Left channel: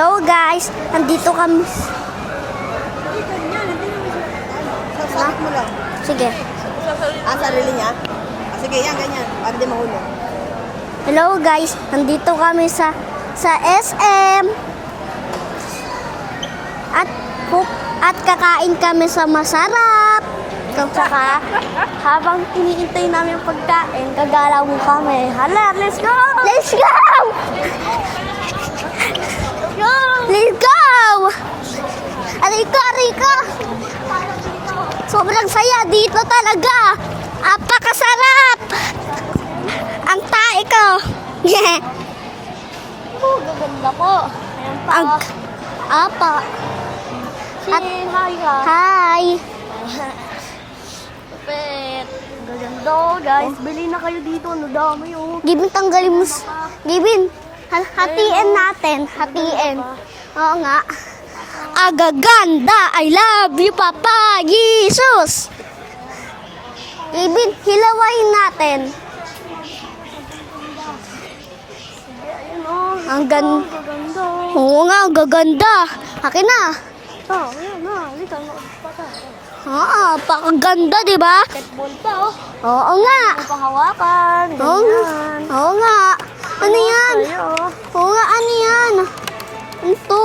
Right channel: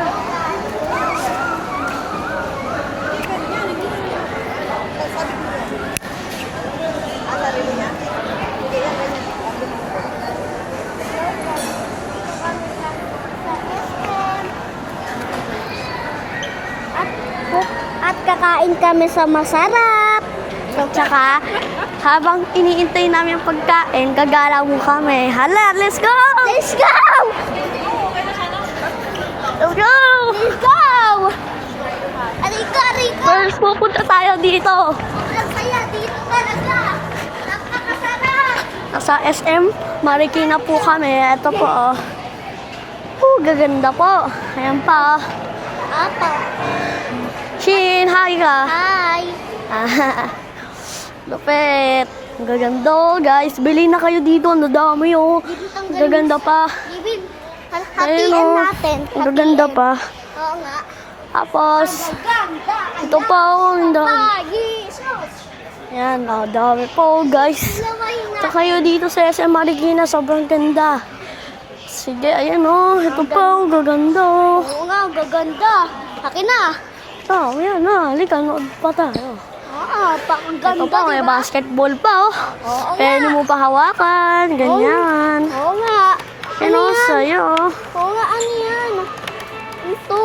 Hello guys, andito kami. Ha? Sige. Ang sarili niya? Sige, yan, ganyan. Para di mahulog. Hello guys, andito kami sa SM. At kakain kami sa masarap. Tsaka, habang iniintay namin yung pagkain, gagalaw mo kami. Hala, let's go! Let's go! Let's go! Let's go! Aliko! First, pupunta tayo dito. Sobrang saya dito talaga. Apakasarap! Sa SM, Marikina po kami. Ito po. Gaganda po. Ayan pa. Apa. Shin, hi ka. Hi. Lupet. Gaganda, guys. Bili na kayo dito. Ang dami, oh. Gibin, tanggalin mo. Gaganda pa. Gibin, hatiin natin. Gaganda pa. Oo nga. Tapos, agaganda. I love you, Papa Jesus. Ayan, dami po, guys. Hilawain natin. Kayo dito sa SM Marikina, sobrang ganda. Sige, ayan, oh. Ito po, gaganda. Oo nga, gaganda. Akin na. Ayan, halika, nood pa tayo. Pakaganda, di ba? Basketball pa, oh. Oo nga. Pwede mo pa hawakan, ganyan. Oo nga. Ano yan? Sa'yo. Oo nga, ano yan? Ito.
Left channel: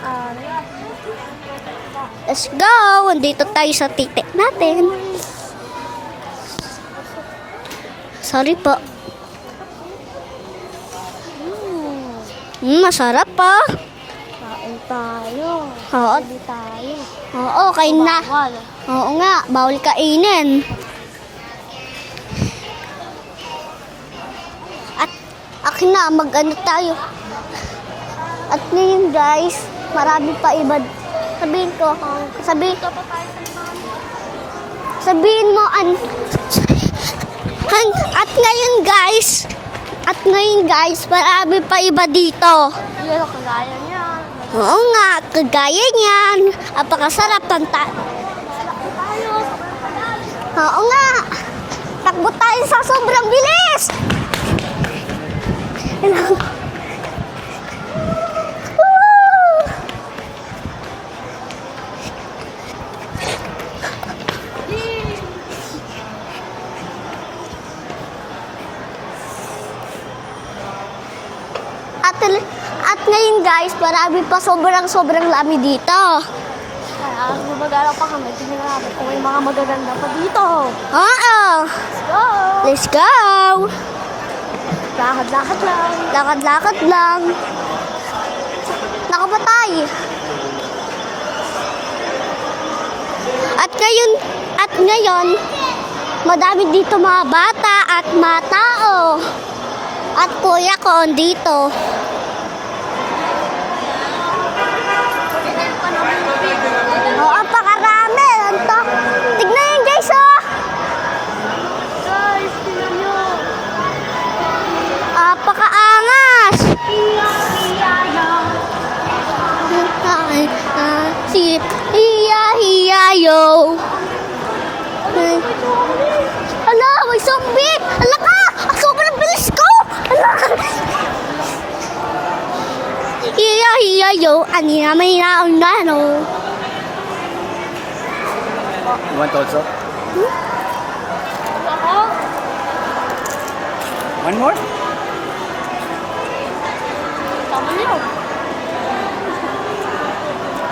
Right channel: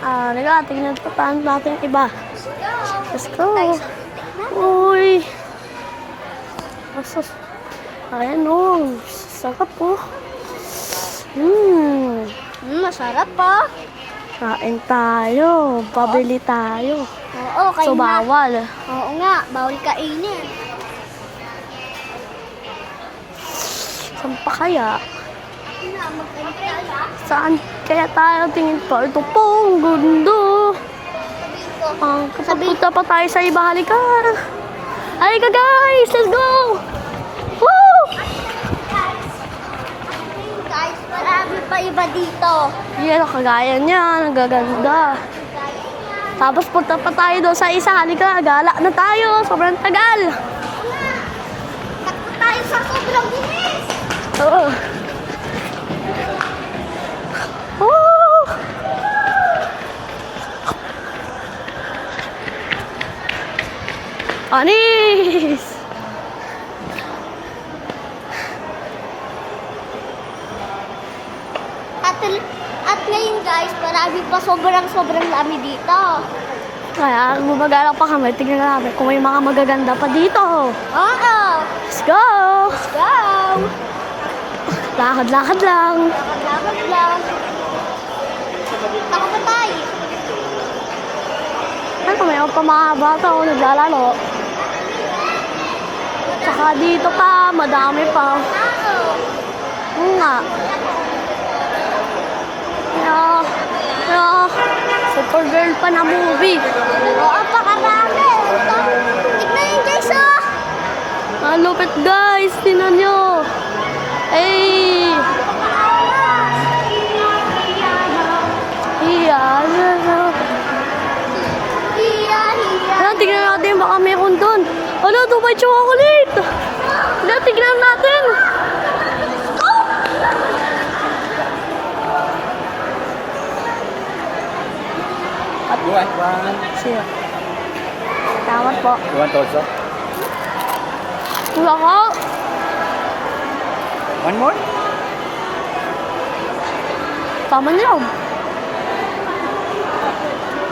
Halika, tingnan pa tayo natin iba. Let's go! Dito tayo sa titik natin. Uy. Sorry po. Sarap po. Masarap po. Kain tayo. Pabili tayo. Oo, kain na. Bawal. Oo nga, bawal kainin. Saan pa kaya? At akin na, mag-ano tayo. Saan? Kaya tayo tingin po. Guys, marami pa iba. Sabihin ko. Sabihin ko pa tayo sa iba. Halika. Sabihin mo. Guys, let's go. At ngayon guys, marami pa iba dito. Yan, kagaya niyan, nagaganda. Oo nga, kagaya niyan. Tapos papunta tayo doon sa isa, halika, gala na tayo, sobrang tagal. Oo nga, takbo tayo sa sobrang bilis. Oo. Anis! At ngayon guys, marami pa sobrang lami dito. Kaya gumagala pa kami, tingnan namin kung may mga magaganda pa dito. Oo! Let's go! Let's go! Lakad-lakad lang. Lakad-lakad lang. Nakapatay. Ay, kung mayroon pa mga bata o naglalaro. At ngayon, madami dito mga bata at mga tao. At kuya ko dito. Super girl pa na movie. Oo, pakarami. Tignan yun guys, oh. Ang lupit guys, tignan nyo. Ay, napakaangas. Hiya, natin baka meron dun. Ano, Dubai chocolate. Hala, tignan natin. Sobrang bilis ko. Hiya, yo. Ani na may naon na, no? Salamat po. You want also? Wala po. One more? Tama na yun.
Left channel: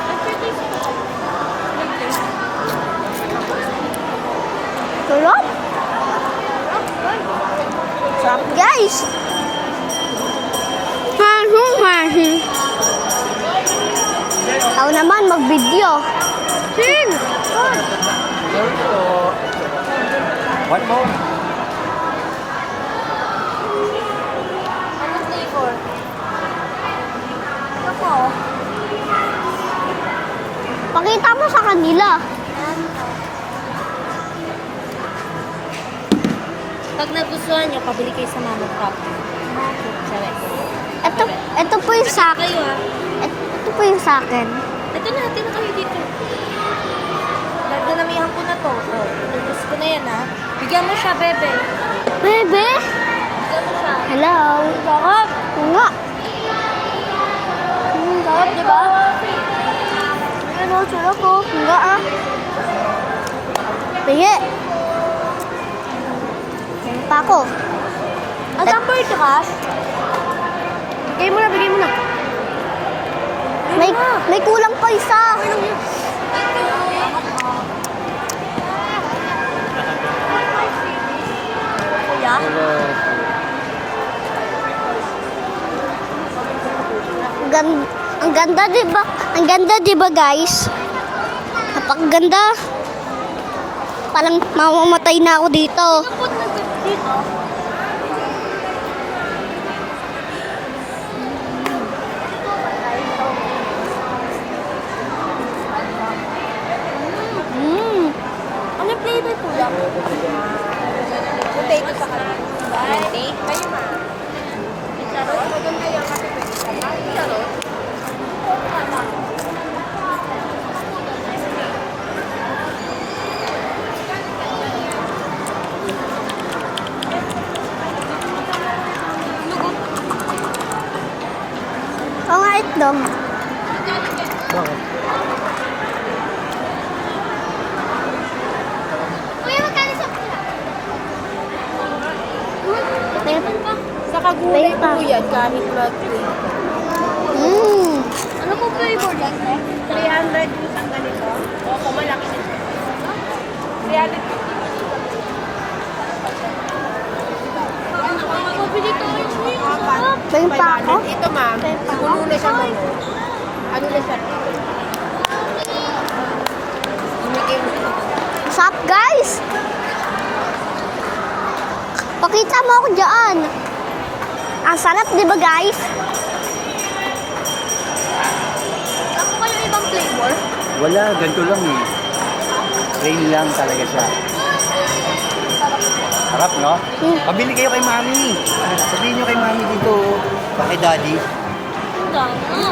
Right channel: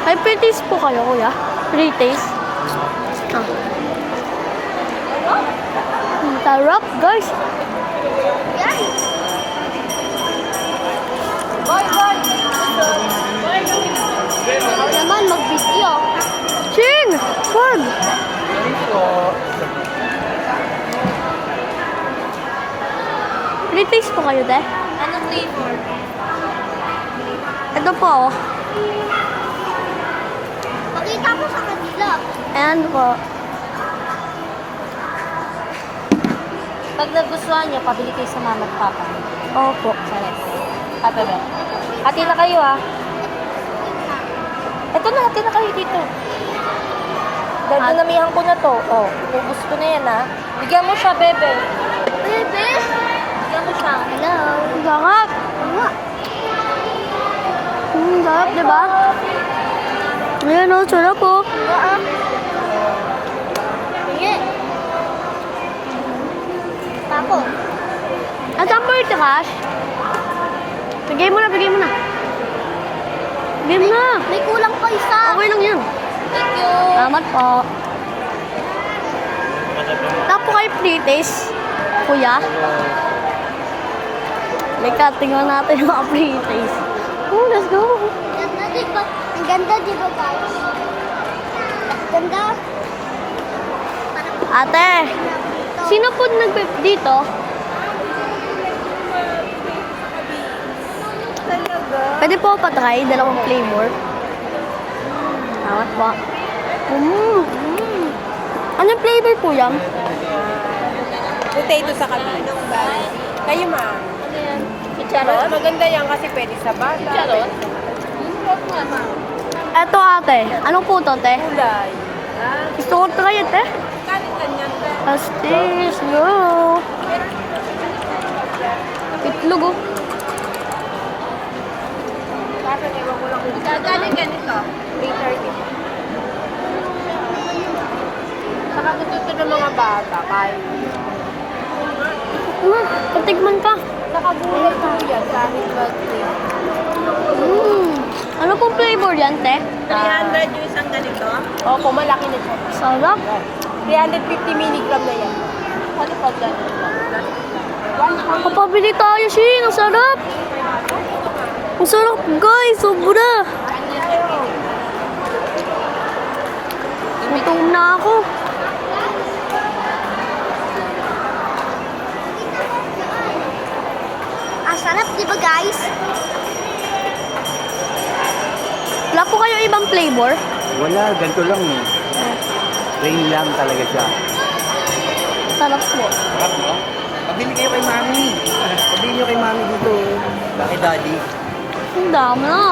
Ay, pre-taste po kayo, kuya. Pre-taste. Sarap. Sarap, guys. Sarap, guys. Ako naman mag-video. Chin! Fun! One more? Pre-taste po kayo, te? Anong flavor? Ito po. Pakita mo sa kanila. Ayan po. Pag nagustuhan niyo, pabili kayo sa mama pa. Opo. Ito po yung sa akin. kayo Ito po yung sa akin. Ito na, hati na kayo dito. Dadalamihan ko na to. Oh, ubus ko na yan ha. Bigyan mo siya, bebe. Bebe? Bigyan mo siya. Hello. Bakit? Nga. Diba? Ayan o, sarap po. Pingi. Pako. Ang sampo ito ka? Bigay mo na, bigay mo na. Bigay mo na. May kulang pa isa. Okay lang yan. Salamat po. Tapo kayo free taste. Kuya. Lika, tingnan natin yung mga free taste. Ang ganda, di ba? Ang ganda, di ba, guys? Napakaganda. Parang mamamatay na ako dito. Sino po dito? Pwede po patry, dalawang flavor. Salamat po. Ano flavor po yan? Potato sa kanino. Kayo ma. Charot? Maganda yan kasi pwede sa bata. Charot? Eto ate, anong po to, te? Gusto ko try it, eh. Pastis, no. Itlog, oh. Oo nga, itlog. Patigman pa. Sa kagulay po yan, kahit mag-plate. Ano pong flavor yan, te? 300 yung isang ganito. Opo, malaki nito. Sarap. 350 mg na yan. Ano pa dyan? Kapabili tayo, Shin. Ang sarap. Kain pa ako. Ito ma. Ang sarap, guys. Sobra. Ano yung sarap? Natain na ako. Masarap, guys. Pakita mo ako dyan. Ang sarap, di ba, guys? Wala po kayo ibang flavor? Wala, ganito lang eh. Plain lang talaga siya. Sarap po. Harap, no? Pabili kayo kay Mami. Pabili nyo kay Mami dito. Bakit Daddy? Ang dami na.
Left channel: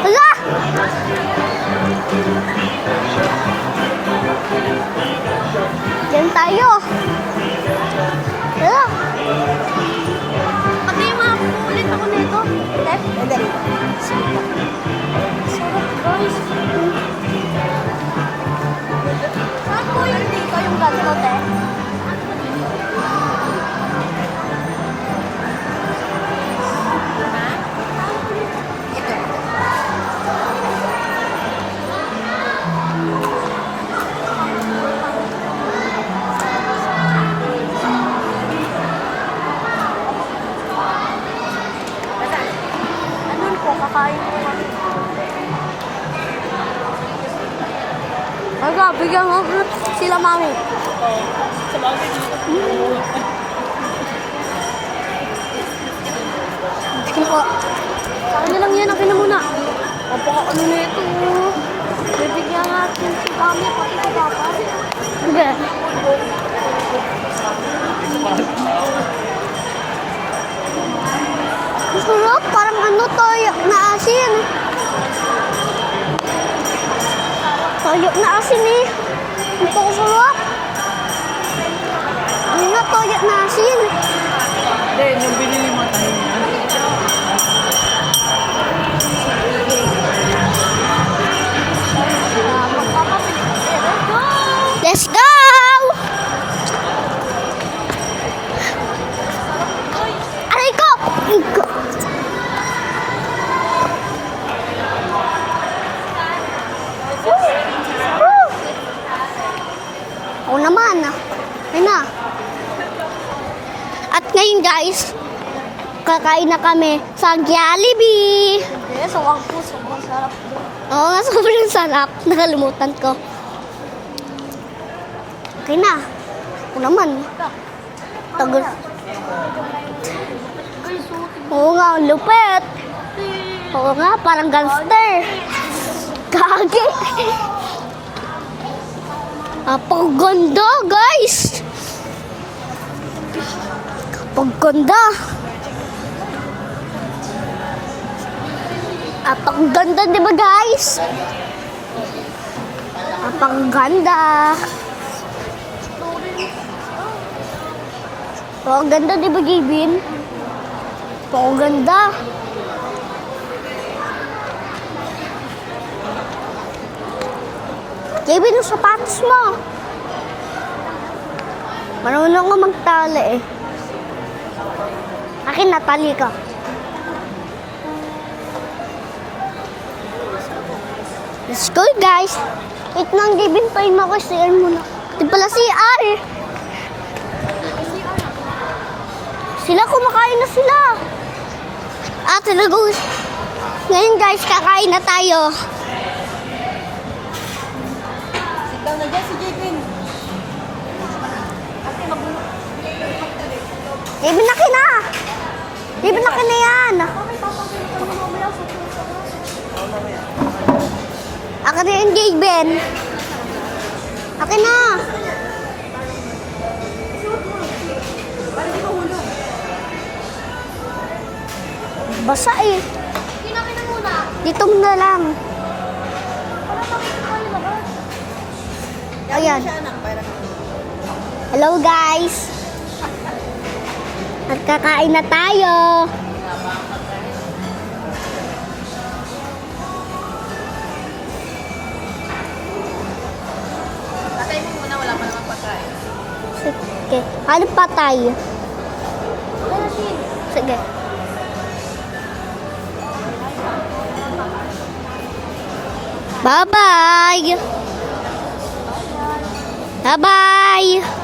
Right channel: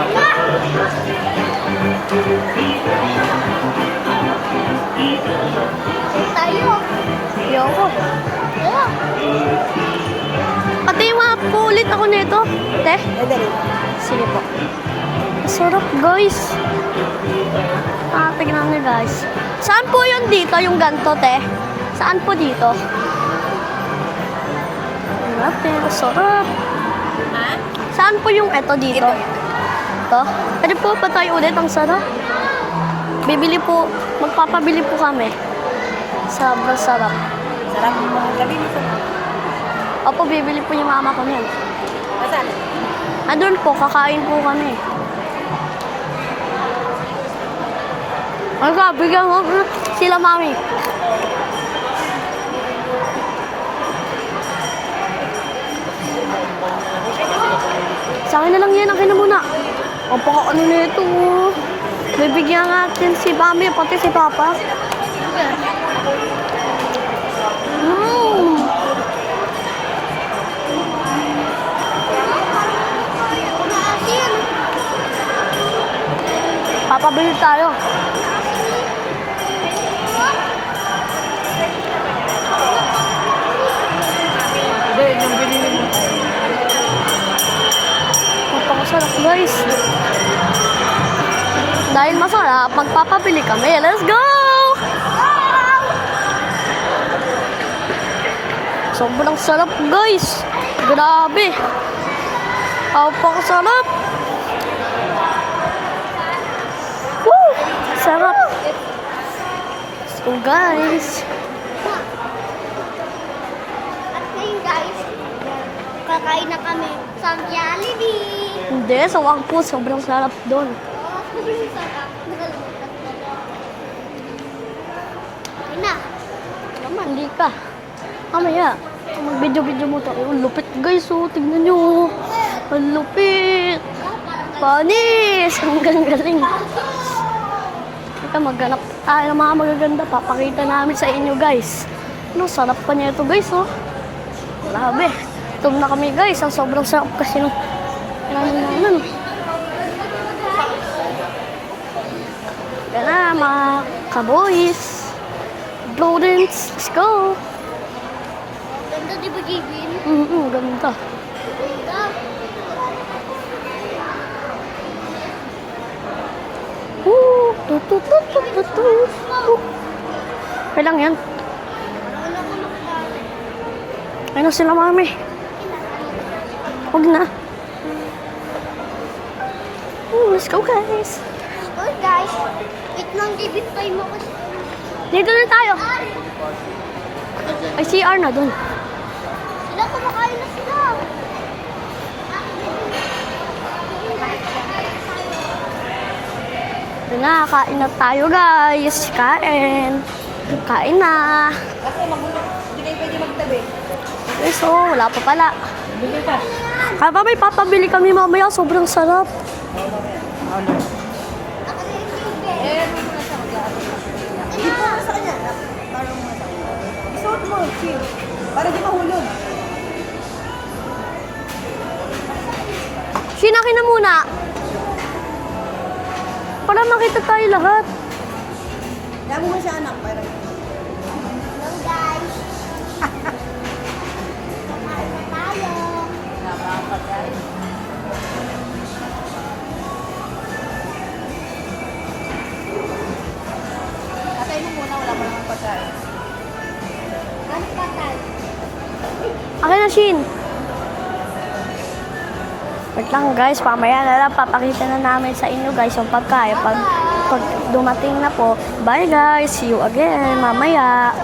Ala! Diyan tayo. Ayoko. Ala! Pati yung mga pulit ako nito. Te? Pwede rin. Sige po. Sarap, guys. Tingnan niyo, guys. Saan po yun dito, yung ganto, te? Saan po dito? Sarap. Saan po yung eto dito? Ito. Pwede po pa tayo ulit, ang sarap. Bibili po, magpapabili po kami. Sarap, sarap. Opo, bibili po yung mama ko nun. Doon po, kakain po kami. Aga, bigyan mo sila mami. Sa akin na lang yan, akin na muna. Ang ano na ito. Bibigyan natin si mami, pati si papa. Sige. Sarap, parang ano toyo na asin. Papabili tayo. Toyo na asin eh. Ito sarap. Ano na toyo na asin? Eh, nung binili mo tayo. Ang sarap, guys. Dahil masarap, magpapabili kami. Let's go! Let's go! Sobrang sarap, guys. Aray ko! Grabe. Napakasarap. Woo! Sarap. So, guys. Ayun na. At ngayon, guys, kakain na kami sa Jollibee. Hindi, sobrang sarap doon. Oo nga, sobrang sarap. Nakalimutan ko. Okay na. Ito naman, hindi ka. Ano kaya? Video mo to. Ang lupit, guys. Oh, tignan nyo. Oo, ang lupit. Ang lupit. Oo nga, parang gangster. Ang galing. Kagi. Ito, maghanap tayo ng mga magaganda. Napakaganda, Guys. Ano, sarap pa niya ito, guys. Oh. Pagkanda. Tum na kami, guys. Ang sobrang sarap kasi ng At ang ganda, di ba guys? Ang ganda. Boys. Students, let's go. Oh, ang ganda, di ba, Gavin? Ganda. Oh, ganda. Gavin, yung sapatos mo. Kailang yan. Marunong nga magtali eh. Ano sila, mami? Akin, natali ka. Huwag na. Let's go, guys. Let's go, guys. Wait lang, Gavin, tayo mo kasi muna. Dito Pala na tayo. CR eh. Ay, CR na dun. Sila, kumakain na sila. Talaga. Ngayon, guys, kakain na tayo. Doon na, kain na tayo, guys. Kain. Kain na. Gavin, na na. Wala pa pala. Gavin, na na yan. May papabili kami mamaya. Sobrang sarap. Akin na yung Gavin. Akin na. Isuot mo. Para di mahulog. Basa eh. Sinakin na muna. Dito mo na lang. Para makita tayo lahat. Ayan. Hello, guys. At kakain na tayo. Patay mo muna. Wala pa naman pagkain. Sige. Ano pa tayo? Akin na, Shin. Sige. Wait lang, guys. Pamaya na lang. Papakita na namin sa inyo, guys, yung pagkain. Bye-bye. Pag dumating na po. Bye, guys. See you again. Bye-bye. Mamaya.